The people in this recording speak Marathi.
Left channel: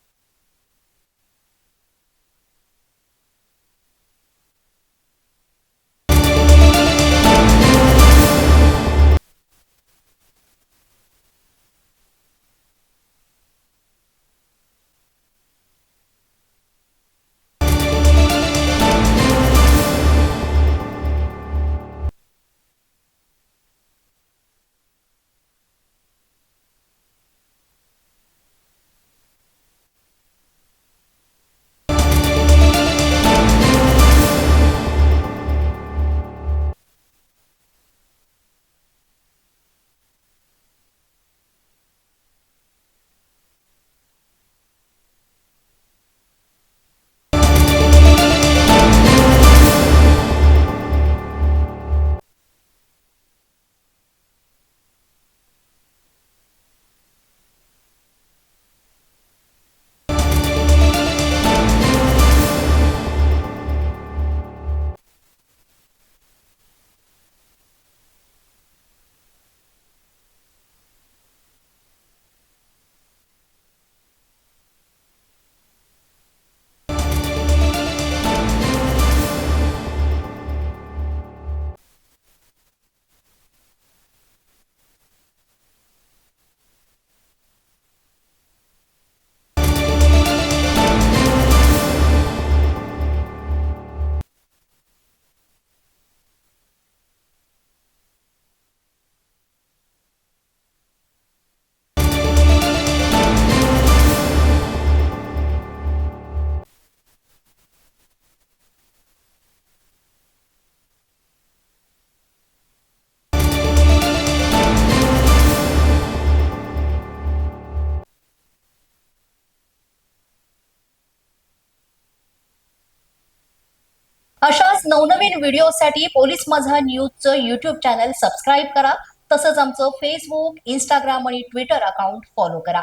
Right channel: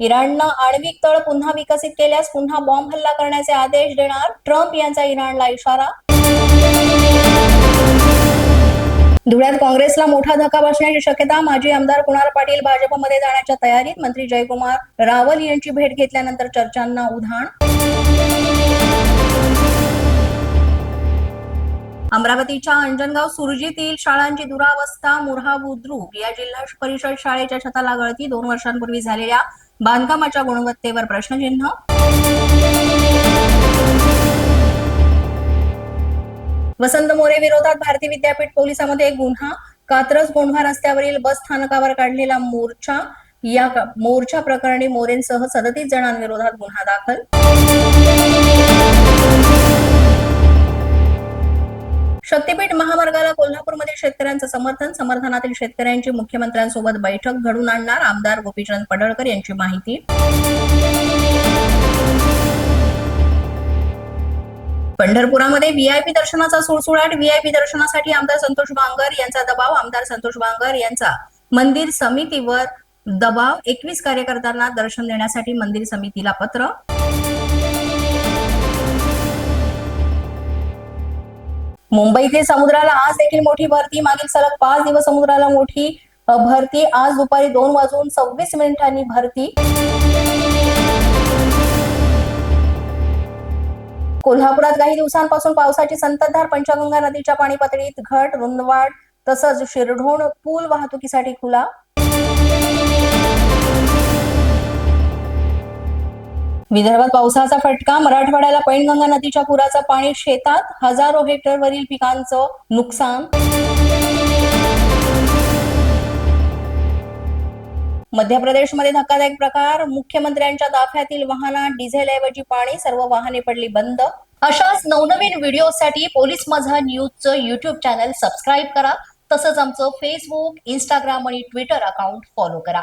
इराणनं आण्विक तळ पुन्हा विकसित केल्यास पुन्हा बॉम्ब हल्ला करण्याचे आदेश देणार ट्रम्प यांचा इराणला इशारा. धुळ्यात काँग्रेसला मोठा धक्का बसण्याची शक्यता माजी आमदार कुणाल पाटील भाजपमध्ये जाण्याच्या तयारीत मंत्री जयकुमार रावल यांची भेट घेतल्यानंतर चर्चांना उधाण. अमरावतीच्या अंजनगाव सुरजीतील शाळांची दुरावस्था मुरहा बुद्रुक या जिल्हा परिषद शाळेच्या छताला गळती दोन वर्षांपूर्वी झालेल्या बांधकामाच्या गुणवत्तेवर प्रश्नचिन्ह. वसंत मोरे विरोधात भारती विद्यापीठ पोलिसांमध्ये गुन्हा कात्रज गोंढवा रस्त्यावरील बस स्थानकावर काढलेला मोर्चा. या मोर्चा प्रकरणी मोरेंसह सदतीस जणांविरोधात गुन्हा दाखल. शक्तीपीठ महामार्गाला कोल्हापूरमध्ये शेतकऱ्यांचं समर्थन. समर्थनातील शेतकऱ्यांची मुख्यमंत्र्यांसोबत बैठक घडून आणणार आमदार गोपीचंद पडळकर यांची माहिती. पंढरपुरामध्ये व्हीआयपी दर्शनाचा सुळसुळाट. व्हीआयपी दर्शनासाठी आमदार संतोष बांगर यांचा दबाव. आमदार संतोष बांगर यांचा मंदिर समितीवर दबाव. एकवीस कार्यकर्त्यांना दर्शन देण्यासाठी मंदिर समितीला पत्र. मुंबईतील समुद्राला आज देखील मोठी भरती मागील सलग पाच दिवस समुद्राला मोठी भरती. आज दुपारी दोन वाजून सव्वीस मिनिटांनी भरती. कोल्हापुरात काही दिवसांपासून पावसाची संततधार. पंचगंगा नदीच्या पाणी पातळीत घट रुंदवाड तसंच शिरढोण पूल वाहतुकीसाठी खुला. विदर्भात पावसाचा फटका मराठवाड्याला पैनगंगा नदीच्या पुराचं पाणी शेतात हजारो हेक्टरवरील पिकांचं नुकसान. मध्य प्रदेशमध्ये धक्कादायक प्रकार मुख्यमंत्र्यांच्या ताफ्यातील वाहनात डिझेलऐवजी पाणी सर्व वाहने पडली बंद. अशाच नवनवीन व्हिडिओसाठी पोलीस माझा न्यूजचं युट्यूब चॅनल सबस्क्राईब करा. तसंच आमचं फेसबुक इंस्टाग्राम आणि ट्विटर अकाउंट फॉलो करा.